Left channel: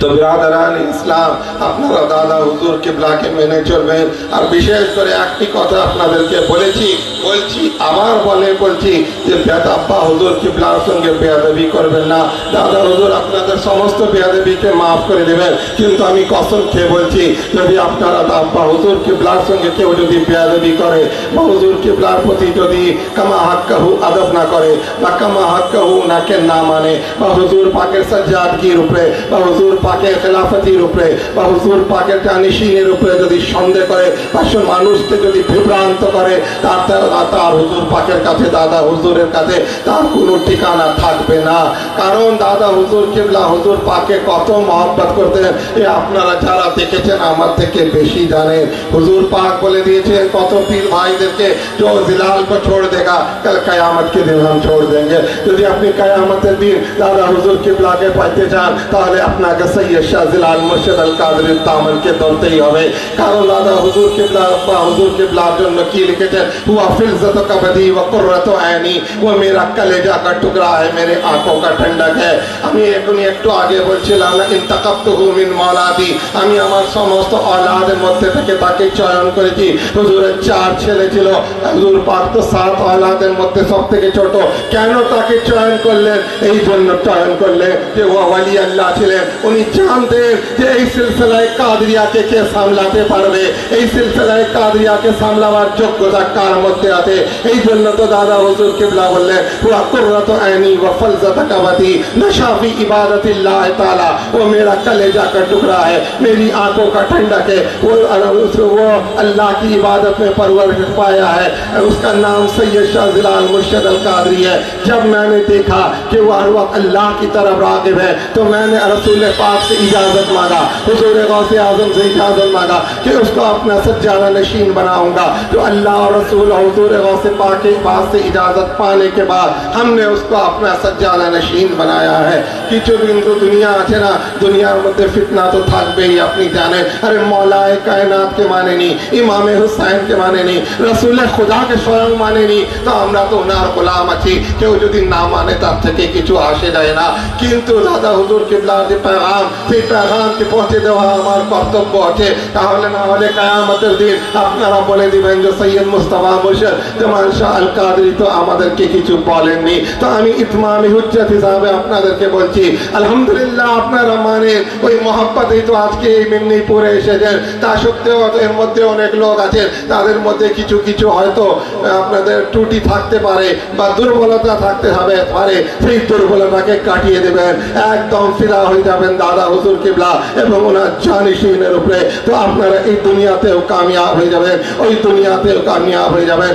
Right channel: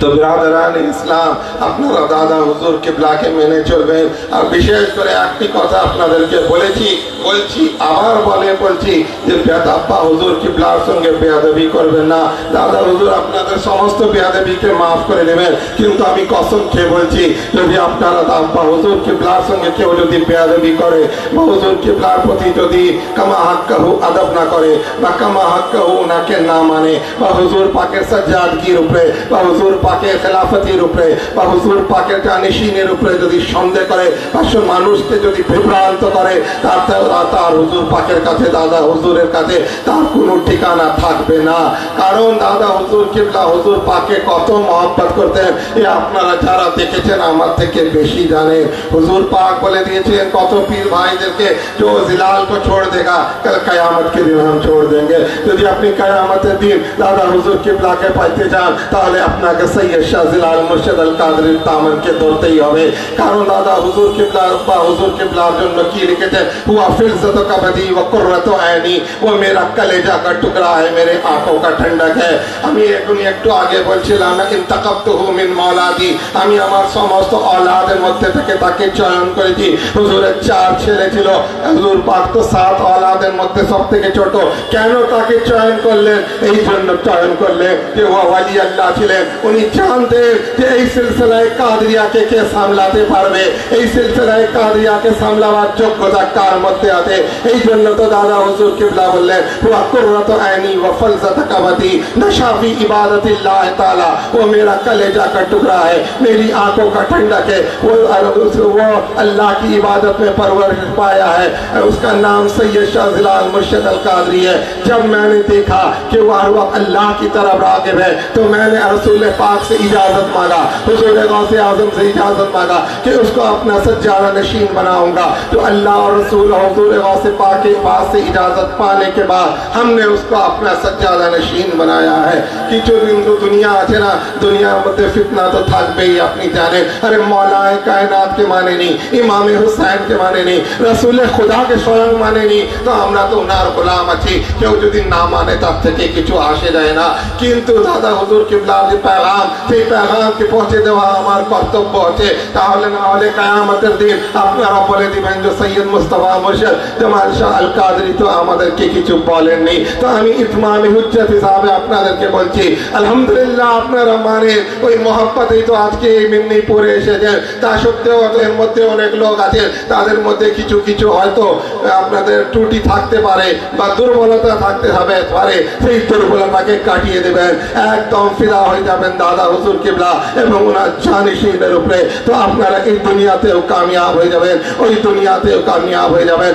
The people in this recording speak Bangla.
তো বিরাদারান ইসলাম, আপনারা দাদা হুজুর কিবলাকে মেনে চলবেন। আর বিশেষ করে একটি কথা আপনাদেরকে বলছি আবার বলছি যে আব্বা হুজুর কিবলার সঙ্গে বেয়াদবি করবেন না। দাদা হুজুর আপনাদের সমস্ত বেয়াদবিকে মাফ করে দেবেন, কিন্তু আমি কসম খেয়ে বলছি, যদি আপনারা আব্বা হুজুর কিবলার সঙ্গে কেউ যদি বেয়াদবি করে বা হুজুর কিবলার প্রতি যদি কামা হাক্কাহু আদব না করে বা কামা হাক্কাহু ওনাকে না মানে বা হুজুর পাকের সাজ্জাদগির উপরে বা হুজুর পাকের খেলাফতির উপরে বা হুজুর পাকের জানিশিনের উপরে যদি সন্দেহ করে বা মানুষকে যদি বিভ্রান্ত করে, তার হুজুর পাকের কাছে দাদা হুজুরের কাছে তার কোনো ঠিকানা থাকবে না। কারণ দাদা হুজুর কিবলা হুজুর পাকে কত মহব্বত করতেন এ আপনারা যারা দেখেছেন আমার থেকে বেশি জানেন। হুজুর পাক বলে দিয়েছেন কত পীর ভাইদেরকে, जो जिलाल को छोड़ देगा कल कयामत के दिन हम छोड़ देंगे। যদি আপনি কিয়ামতের দিন দাদা হুজুর কিবলাকে পাইতে চান তাহলে আপনাকে সৈয়দ শাহ জিলাল মুর্শিদ আল কাদরি তামানকে ধরতেই হবে। কারণ দাদা হুজুর কিবলা আব্বা হুজুর কিবলার জন্য কি লিখেছেন, हुआ फिल्ज़त का बदी व कुर्रत ऐनी, वो मेरा कलेजा का टुकड़ा है, मेरे आंखों का ठंडक है। আমি এখনই একটু আগে বলছিলাম না ইনতাকাবতুহু মিন মাওলাদি, আমি আমার সমস্ত औलाদের মধ্যে থেকে তাকে চয়ন করেছি। হুজুরের 4 ছেলে ছিল, হুজুর পাক তো 7 औलाদের মধ্যে সবথেকে ছোট। কেন তাকে চয়ন করলেন? এই জন্য চয়ন করলেন যে ও ওয়ালি আল্লাহ ছিলেন। উনি জানতেন যে এই সিলসিলায়ে কাদরিয়াকে কে সামলাতে পারবে, এই সিলসিলায়ে কাদরিয়াকে সামলাবার যোগ্যতা কার মধ্যে আছে। এই জন্য তো দাদা হুজুর কিবলা বললেন হুয়া কুররাতু আইনি ওয়া ফলজাতু কাবাতি नशाफी इबादतिल्लाह ताला, वो मेरा कलेजा का टुकड़ा है, मेरी आंखों का ठंडक है। वो अल्लाह की इबादत में परवरिश पाया है, उसका नाम सैयद शाह जिलाल मुर्शिद अल कादरी है। जब मैंने देखा कि वो हर वक्त अल्लाह की तरफ रागिब है तो मैंने रसूल पाक से इजाजत मांगा, हुजूर गौसे आजम से इजाजत मांगा कि उसको अपना सज्जाना नशीन बनाऊंगा। तो अल्लाह और रसूल हुजूर गौसे पाक के पास से इजाजत पाने के बाद हमने उसको अपना सज्जाना नशीन बनाया है। কিছু কিন্তু দুনিয়া আছে না, দুনিয়ার মধ্যে ফিতনা তো থাকবেই, আপনি জানেন। আরে মৌলায়ে কায়নাতকে মানেনি, ইমামে হুসাইনকে মানেনি, রাসূলে খুদাকে স্বয়ং মানেনি, তো আমরা তো ওনার গোলাম আছি। কেউ যদি না মানে তার থেকে কিছু আসে যায় না। কিন্তু দাদা হুজুর কিবলার যে পেগাম, সেই পেগামকে পৌঁছে দেওয়া আমার কর্তব্য আছে। তাহলে না হলে কিয়ামতের দিন আপনারা বলে দিবেন যে সৈয়দ মুস্তাফা মুর্শিদ জামাল শাহ আল কাদরি তো আমাদেরকে কিছু বলেননি। তো আমি ইতমামে হুজ্জত হিসাবে আপনাদেরকে বলছি আলহামদুলিল্লাহ আপনারা মানেন, ওই মহব্বতেই তো আজকে এই মেদিনীপুরে এসেছেন। তা সত্ত্বেও এর মধ্যে অনেক লোক আছে তাদের মধ্যে কিছু কিছু হয়তো আপনাদের ত্রুটি থাকতে পারে বা দুর্বলতা থাকতে পারে, সেই দুর্বলতাকে কাটিয়ে দেবেন, একদম ফিদা হয়ে যাবেন দাদা হুজুর কিবলা এবং ওনার জানিশিনের উপরে। তো আপনারা এই দুনিয়াতেও কামিয়াব হয়ে যাবেন, ওই দুনিয়াতেও কামিয়াব হয়ে যাবেন।